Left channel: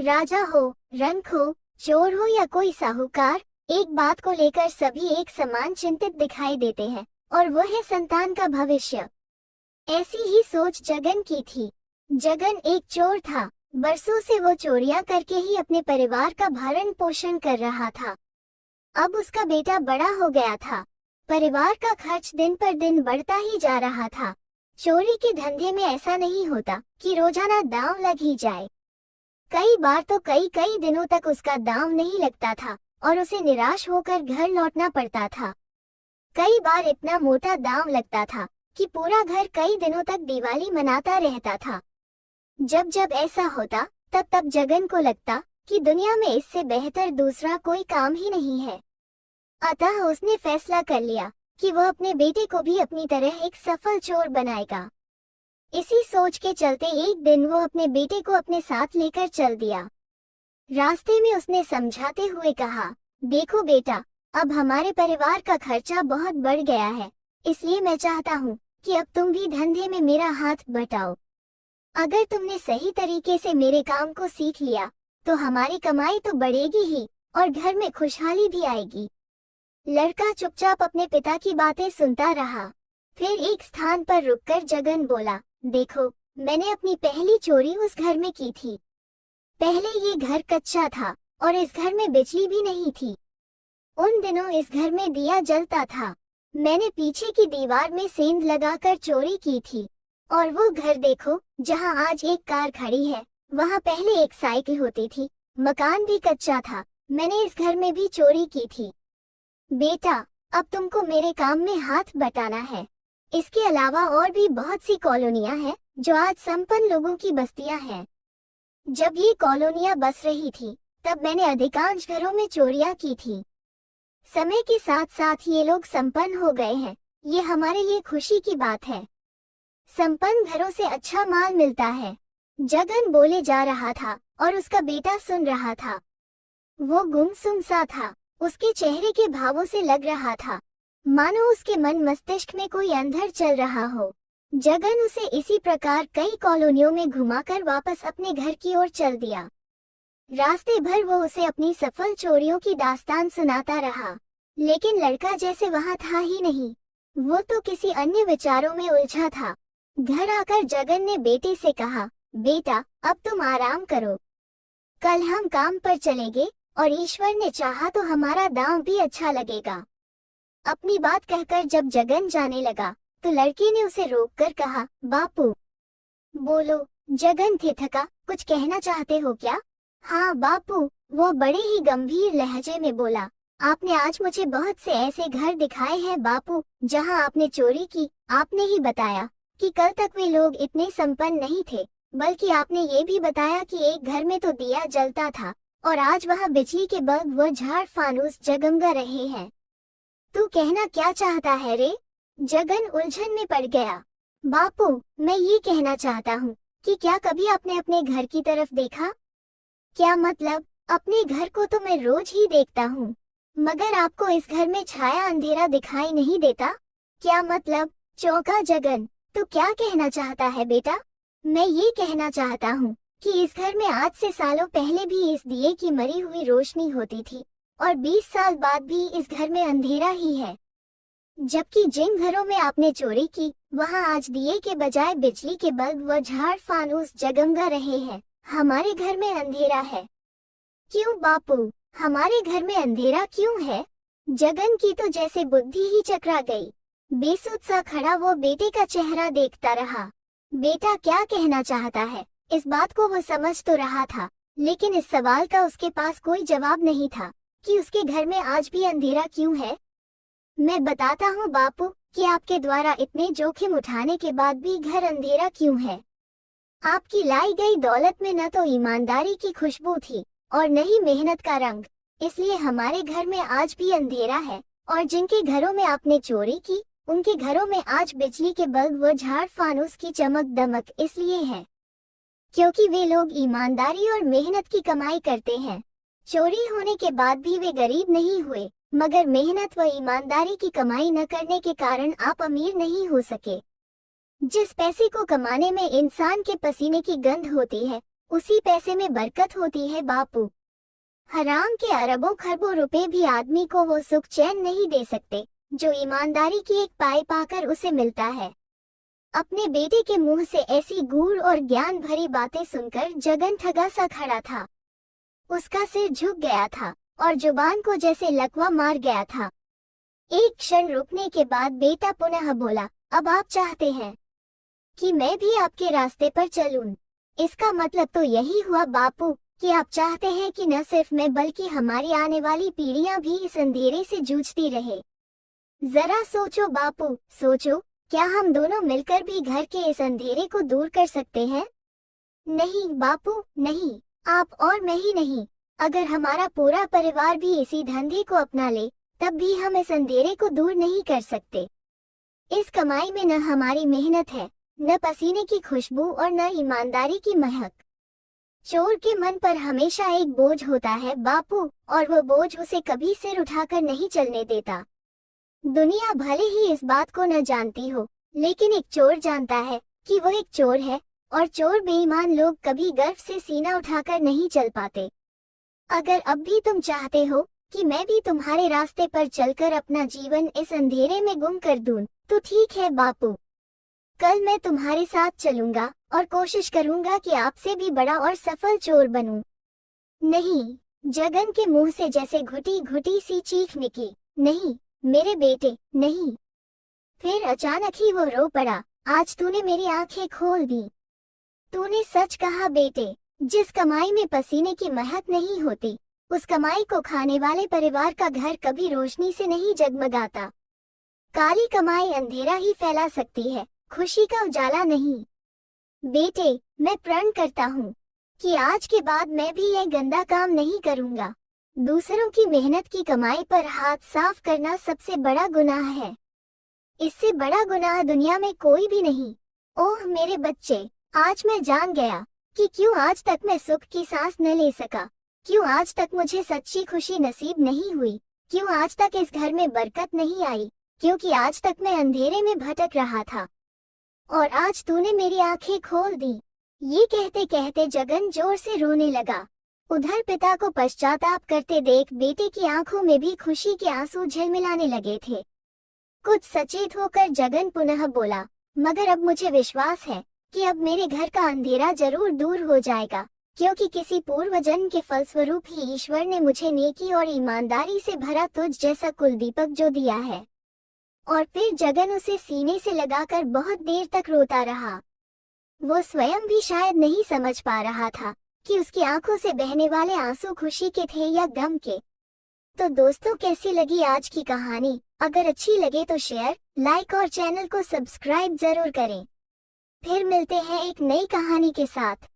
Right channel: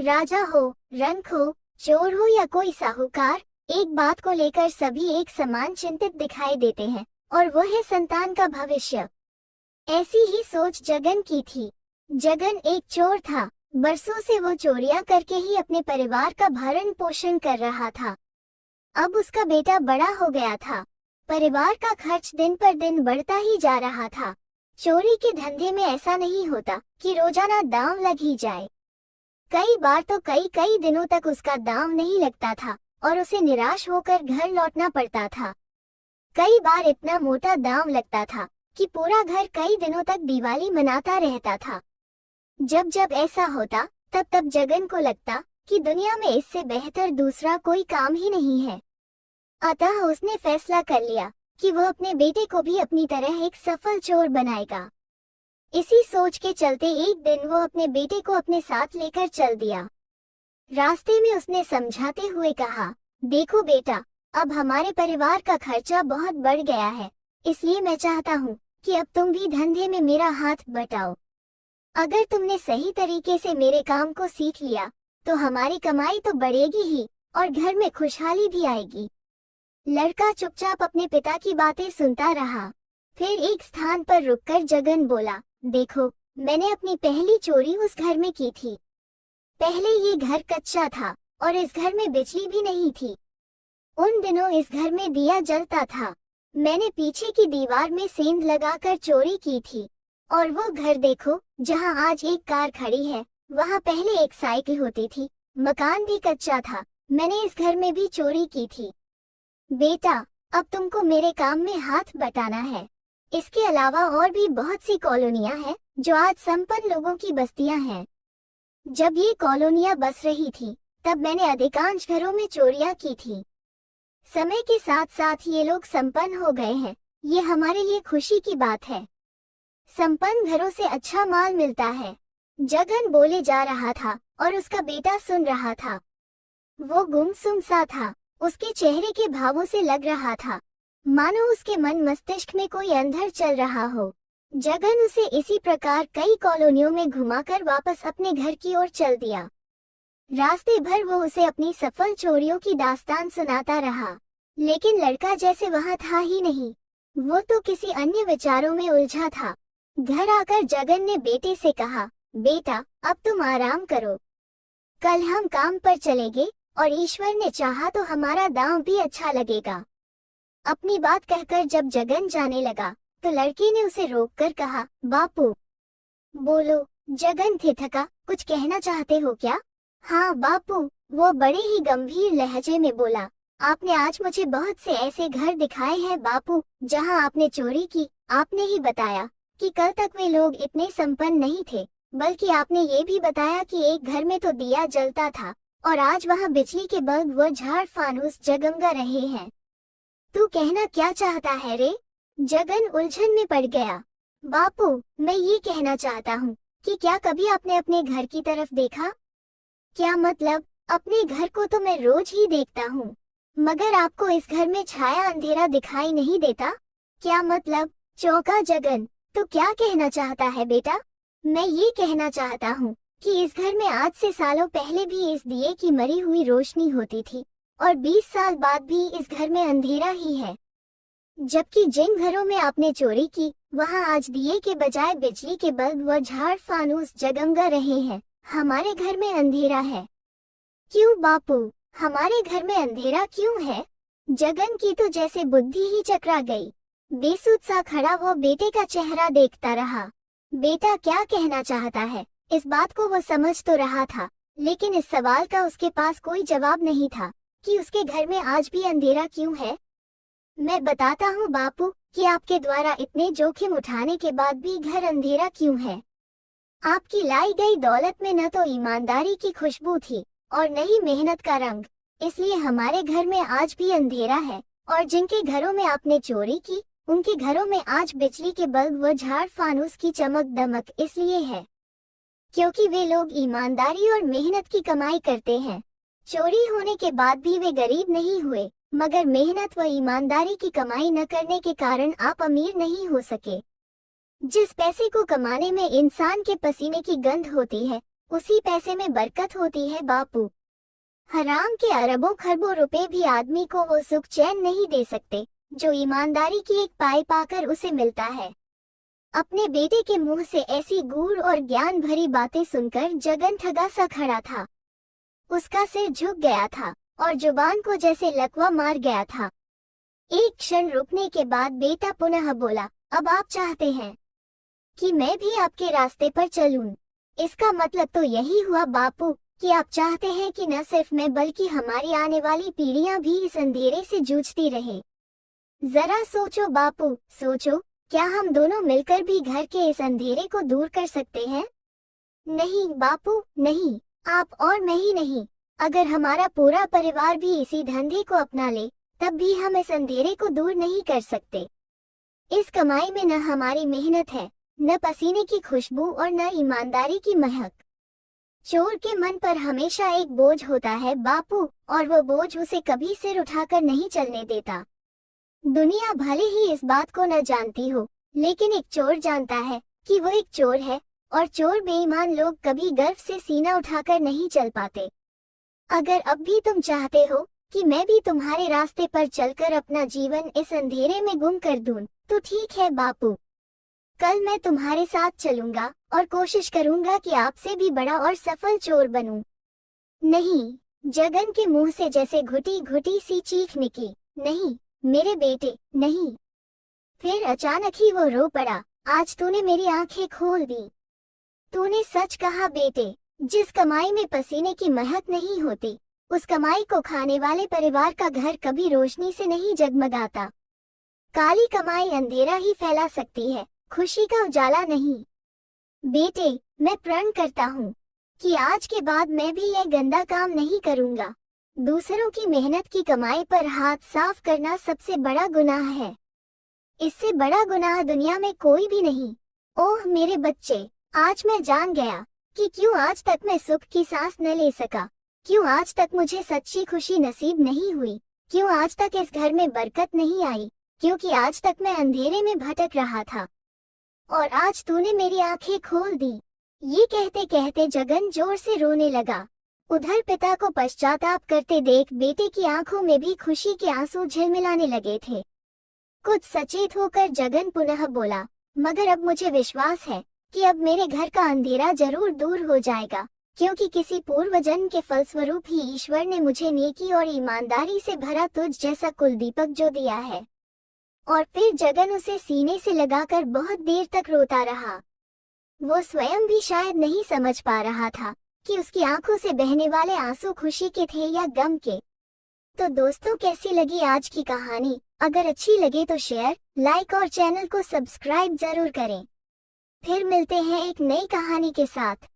राजा हो, रंक हो, चोर हो या कोई साहूकार, एक बात को लेकर सभी एक समान चिंतित दिखाई देते हैं, और वो है संतान का भविष्य। ऐसी ही सोच जगन की थी। जगन एक चोर था। बरसों से वो चोरियां करके ही अपने परिवार का भरण पोषण कर रहा था। अब उसका बेटा बड़ा हो गया था। परिवार का खर्च दिन पर दिन बढ़ता ही जा रहा था। चोरी के धंधे में ऐसा नहीं होता कि रोजाना दांव लग ही जाए। कई बार तो कई कई दिनों तक उसका दांव नहीं लगता था और उसे निराश होकर घर लौटना पड़ता था। कई बार इतना मोटा दांव लगता था कि पूरा घर कई दिनों तक दिवाली मनाता रहता था। जब जब ऐसा होता, तब तब जगन को लगता कि दुनिया में इससे बेहतर दूसरा कोई काम ही नहीं है। अतः उसने फैसला कर लिया कि वो अपने बेटे को भी अपनी तरह एक सफल चोर बनाएगा। इसी सोच के चलते एक दिन वो अपने बेटे को अपने साथ लेकर चल दिया। रास्ते में उसने समझाते हुए कहा, देखो बेटा, अब हमारे परिवार का खर्चा बहुत बढ़ गया है, इसलिए मैं चाहता हूँ कि अब तुम भी धंधे में मेरा हाथ बटाओ। अगर तुमने सही तरीके से मेरे काम को सीख लिया तो हमारी कमाई तो बढ़ेगी ही और घर में खुशहाली भी आएगी। लड़का चुपचाप अपने पिता की बातें सुनता रहा। फिर एक स्थान पर रुककर जगन बोला, देखो, मैंने अपनी पहली चोरी उस घर में की थी। पहले ये घर कच्चा था और इस घर में बिजली भी नहीं थी। उन दिनों इस घर में दिया जलता था। मैंने पीछे की दीवार में सेंध लगाकर चोरी की थी। और वो घर देखो, जहाँ आज एक कार खड़ी है, वहाँ पहले एक साइकिल होती थी। मकान भी कच्चा था। मैंने इस घर में भी चोरी की थी। बेटा, अब तुमको मेरे काम में हाथ बटाना है। इसके अलावा और भी बहुत सी कॉलोनियां हैं जो आज संपन्न लोगों की बस्तियां हैं। जब ये कॉलोनियां बस रही थी, तब मैंने अधिकांश घरों में चोरियां की थी। समय के साथ साथ ये लोग संपन्न हो गए हैं। ये हमारे लिए खुशी की बात है। संपन्न घरों से अच्छा माल मिलता है। जगन बोले जा रहा था और उसका बेटा सुन रहा था। वो गुमसुम सा था। उसके चेहरे के भावों से लग रहा था मानो उसके मन मस्तिष्क में कोई अंधर चल रहा हो। जगन उसे इसी प्रकार कई कॉलोनियों में घुमाकर वापस अपने घर की ओर चल दिया। रास्ते भर वो उसे अपनी सफल चोरियों की दास्तान सुनाता रहा, लेकिन लड़का जैसे वहाँ था ही नहीं। वो तो किसी अन्य विचारों में उलझा था। घर आकर जगन ने बेटे से कहा, बेटा, अब तुम आराम करो। कल हम काम पर चलेंगे और ईश्वर ने चाहा तो हमारा दांव भी अच्छा लगेगा। अपनी बात कहकर जब जगन जाने लगा, तो लड़के ने उसे रोककर कहा, बापू। बोलो। जगन थिठका, कुछ कहना चाहते हो क्या? हाँ बापू, वो बड़े ही गंभीर लहजे में बोला, आपने आज मुझे बहुत से ऐसे घर दिखाए हैं बापू, जहाँ आपने चोरी की। आपने ही बताया कि कल तक वे लोग इतने संपन्न नहीं थे, बल्कि आपने ये भी बताया कि एक घर में तो दिया जलता था और आज वहाँ बिजली के बल्ब व झाड़ फानूस जगमगा रहे हैं। तू कहना क्या चाहता है रे? जगन उलझन में पड़ गया। बापू, मैं ये कहना चाहता हूँ कि क्या कभी आपने अपने घर की तरफ देखा? क्या मतलब? अपने घर को तो मैं रोज ही देखता हूँ, मगर आपको इस घर में छाया अंधेरा दिखाई नहीं देता? क्या मतलब? चौंका जगन। तो क्या कहना चाहता है बेटा? मैं ये कहना चाहता हूँ कि इस घर में आज से सालों पहले भी इस दिए की मरी हुई रोशनी होती थी और 20 साल बाद भी इस घर में अंधेरा ही है। जबकि जिन घरों में आपने चोरी की, वहाँ आज दिए के बजाय बिजली के बल्ब व झाड़ फानूस जगमगा रहे हैं। हमारे घर में अंधेरा है। क्यों बापू, हमारे घर में अंधेरा क्यों है? जगन की तो जैसे बुद्धि ही चकरा गई। बेसुध सा खड़ा वो बेटे का चेहरा देखता रहा। बेटा क्या कहना चाहता है, इस बात को वो समझ तो रहा था, लेकिन इस सवाल का उसके पास कोई जवाब नहीं था कि उसके घर में आज भी अंधेरा क्यों है। मैं बताता हूँ बापू कि आपके द्वारा इतने जोखिम उठाने के बाद भी घर अंधेरा क्यों है। आपकी लाई गई दौलत में न तो ईमानदारी की खुशबू थी और न ही मेहनत का रंग, इसलिए हमारे घर में आज भी अंधेरा है। और जिनके घरों में आपने चोरी की, उनके घरों में आज बिजली के बल्ब व झाड़ फानूस की चमक दमक इसलिए है क्योंकि वे लोग ईमानदारी और मेहनत की कमाई करते हैं। चोरी होने के बाद भी वे गरीब नहीं हुए, मगर मेहनत व ईमानदारी की कमाई न करने के कारण आप अमीर नहीं हो सके। जिस पैसे को कमाने में इंसान के पसीने की गंध होती है, उसी पैसे में बरकत होती है बापू। हराम के अरबों खरबों रुपए भी आदमी को वो सुख चैन नहीं दे सकते जो ईमानदारी की एक पाई पाकर उसे मिलता है। अपने बेटे के मुंह से ऐसी गूढ़ और ज्ञान भरी बातें सुनकर जगन ठगा सा खड़ा था। उसका सिर झुक गया था और जुबान को जैसे लकवा मार गया था। एक क्षण रुकने के बाद बेटा पुनः बोला, अब आप चाहते हैं कि मैं भी आपके रास्ते पर चलूं? इसका मतलब तो यही हुआ बापू कि आप चाहते हैं कि न सिर्फ मैं बल्कि हमारी आने वाली पीढ़ियां भी इस अंधेरे से जूझती रहे। जरा सोचो बापू, सोचो, क्या हम दोनों मिलकर भी घर के इस अंधेरे को दूर कर सकते हैं? नहीं बापू, नहीं, आप और मैं ही नहीं, अगर हमारा पूरा परिवार भी इसी धंधे को अपना ले तब भी हम इस अंधेरे को दूर नहीं कर सकते। इस कमाई में न हमारी मेहनत है, न पसीने की खुशबू और न ईमानदारी की महक। चोर के मन पर हमेशा एक बोझ होता है बापू, और वो बोझ उसे कभी सिर उठाकर नहीं चलने देता। दुनिया भले ही इस बात को न जानती हो, लेकिन एक चोर जानता है कि वो एक चोर है, और चोर बेईमान लोग कभी गर्व से सीना उठाकर नहीं चल पाते। अगर अब भी तुम चाहते हो कि मैं भी तुम्हारे रास्ते पर चलकर अपना जीवन इस अंधेरे में गुम कर दूं, तो ठीक है बापू, कल मैं तुम्हारे साथ चलूंगा और कोशिश करूंगा कि आपसे भी बड़ा और सफल चोर बनूं। नहीं, जगन के मुंह से जैसे घुटी घुटी सी चीख निकली, नहीं मेरे बेटे, नहीं। फिर अचानक ही वो रो पड़ा, आज तूने मेरी आंखें खोल दी। तूने सच कहा बेटे, जिस कमाई में पसीने की महक नहीं होती, उस कमाई को खाने वाले परिवार का घर कभी रोशनी से नहीं जगमगाता। काली कमाई अंधेरा ही फैला सकती है, खुशी का उजाला नहीं। बेटे, मैं प्रण करता हूँ कि आज के बाद मैं भी यह गंदा काम नहीं करूँगा। दूसरों की मेहनत की कमाई पर हाथ साफ करना सबसे बड़ा गुनाह है। इससे बड़ा गुनाह दुनिया में कोई भी नहीं। ओह मेरे बच्चे, आज मैं जान गया कि क्यों आज तक मैं सुख की सांस न ले सका, क्यों आज तक मुझे सच्ची खुशी नसीब नहीं हुई, क्यों आज तक इस घर में बरकत नहीं आई, क्योंकि आज तक मैं अंधेरे में भटक रहा था और आज तूने मेरी आंखें खोल दी। ये कहते कहते जगन जोर से रोने लगा। उधर पिता को पश्चाताप करते देख बेटे की आंखों में भी खुशी के आंसू झिलमिलाने लगे थे। कुछ सचेत होकर जगन पुनः बोला, मगर अब मुझे विश्वास है कि अब मेरे घर का अंधेरा जरूर दूर हो जाएगा, क्योंकि किसी पूर्व जन्म के फलस्वरूप ही ईश्वर ने मुझे नेकी और ईमानदारी से भरा तुझ जैसा कुलदीपक जो दिया है। और फिर जगन उसे सीने से लगाकर बहुत देर तक रोता रहा। वो स्वयं भी शायद नहीं समझ पा रहा था कि उसकी आंखों से बहने वाले आंसू खुशी के थे या गम के। तो दोस्तों, कैसी लगी आज की कहानी? अगर अच्छी लगे तो शेयर, लाइक और चैनल को सब्सक्राइब जरूर करें। फिर मिलते हैं एक नई कहानी के साथ।